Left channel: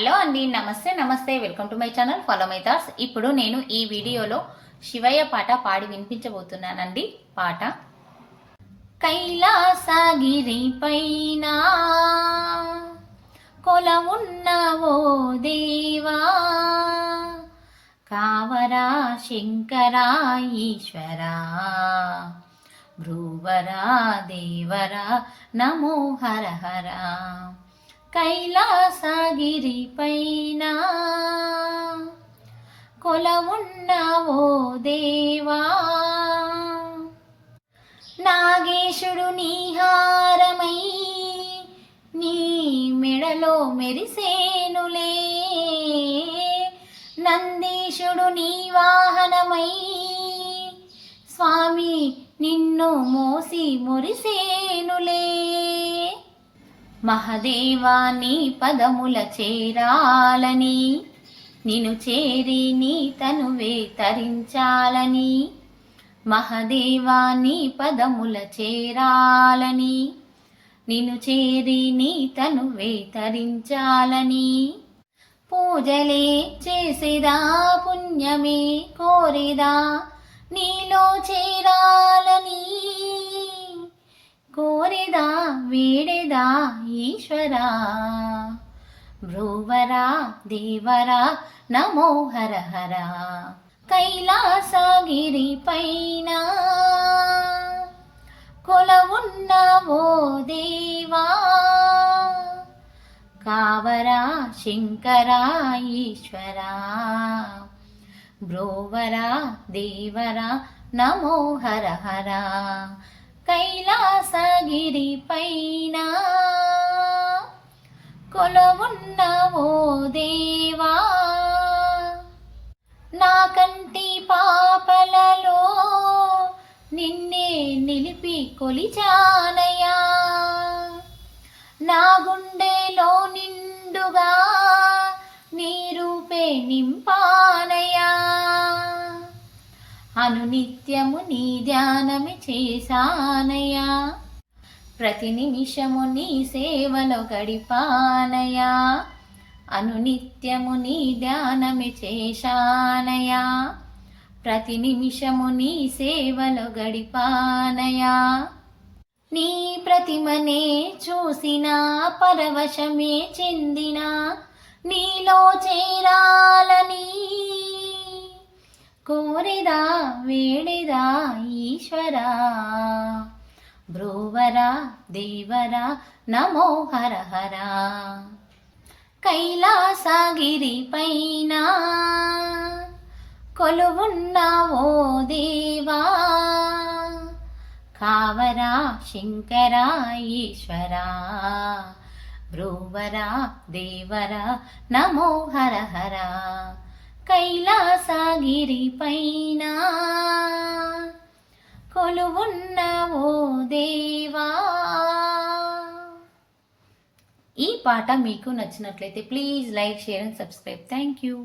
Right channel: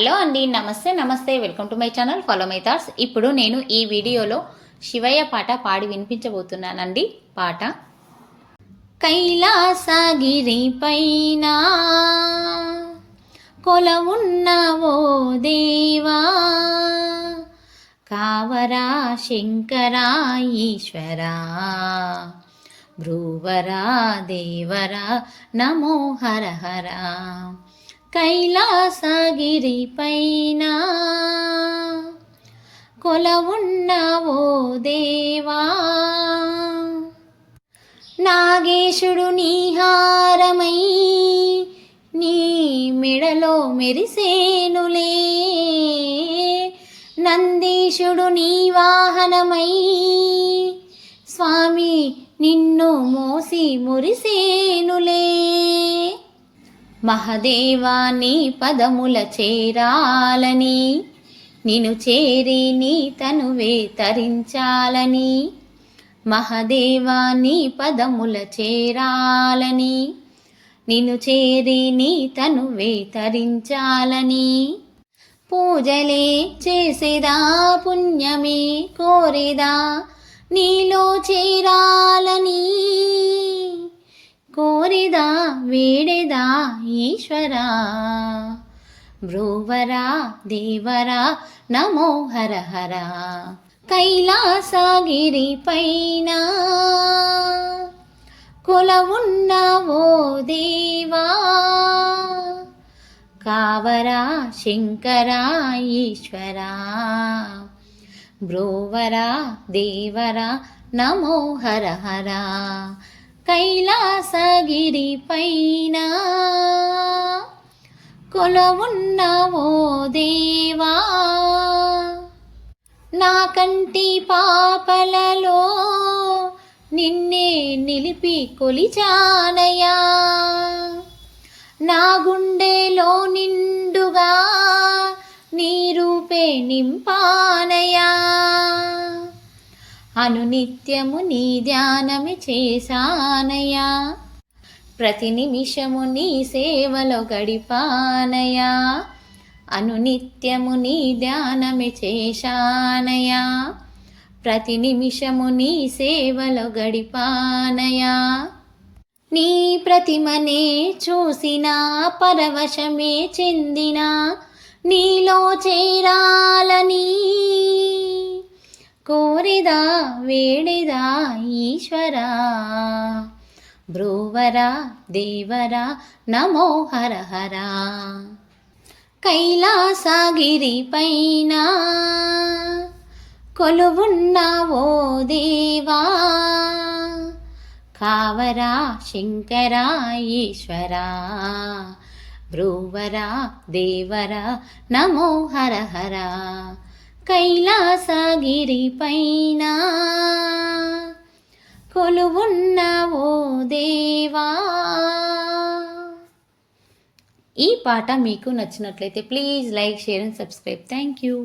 Hello అండి, నమస్తే welcome to my channel follow my thoughts. ఇప్పుడు నేను ఈ వీడియోలో శివయ్య పాట పాడి వినిపించబోతున్నానండి. పాట కైలాసగిరి పైన కొలవున్నవో దేవా, కావరా శంకరా ఈశ్వరా, భ్రువరా దేవరా నమో హర హర. కైలాసగిరి పైన కొలవున్నవో దేవా, నాగేశుడు నీహారమై నీ మెడలో మెరిసేనులే, నందీశుడు నీ వాహనమై స్వామి నిన్ను మోసి మురిసేనులే. మహదేవా నీ పదముల చేరాలని, నిన్ను చేరి నీ తనువే తరించాలని, మహదేవా నీ పదముల చేరాలని, నిన్ను చేరి నీ తనువే తరించాలని, పూజలే చేసేదా పుణ్యమే కోరేదా నీలో చేరాలని, కోరిదా వేడేదా ఈశ్వరా, భ్రువరా దేవరా నమో హర హర. కైలాసగిరి పైన కొలవున్నవో దేవా, కావరా శంకరా ఈశ్వరా, భ్రువరా దేవరా నమో హర హర. కైలాసగిరి పైన కొలవున్నవో దేవా, నా కంటి పాపలలో నిన్నే నిలిపి కొలిచానయా, నా గుండెలో నిండుగా నీ రూపే నింపానయా, అనునిత్యము నీ ధ్యానమి చేశానయా, ప్రతి నిమిషము నీ సేవలో గడిపానయా, అనునిత్యము నీ ధ్యానమి చేశానయా, ప్రతి నిమిషము నీ సేవలో గడిపానయా. నీ ప్రతిమనే చూసిన పరవశమే చెందిన, నీలో చేరాలని కోరిదా వేడిదా ఈశ్వరా, భ్రువరా దేవరా నమో హర హర. కైలాసగిరి పైన కొలువున్నవో దేవా, కావరా శంకరా ఈశ్వరా, భ్రువరా దేవరా నమో హర హర. కైలాసగిరి పైన కొలువున్నవో దేవా. ఈ పాట మీకు నచ్చినట్లయితే please like, share and subscribe. Thank you.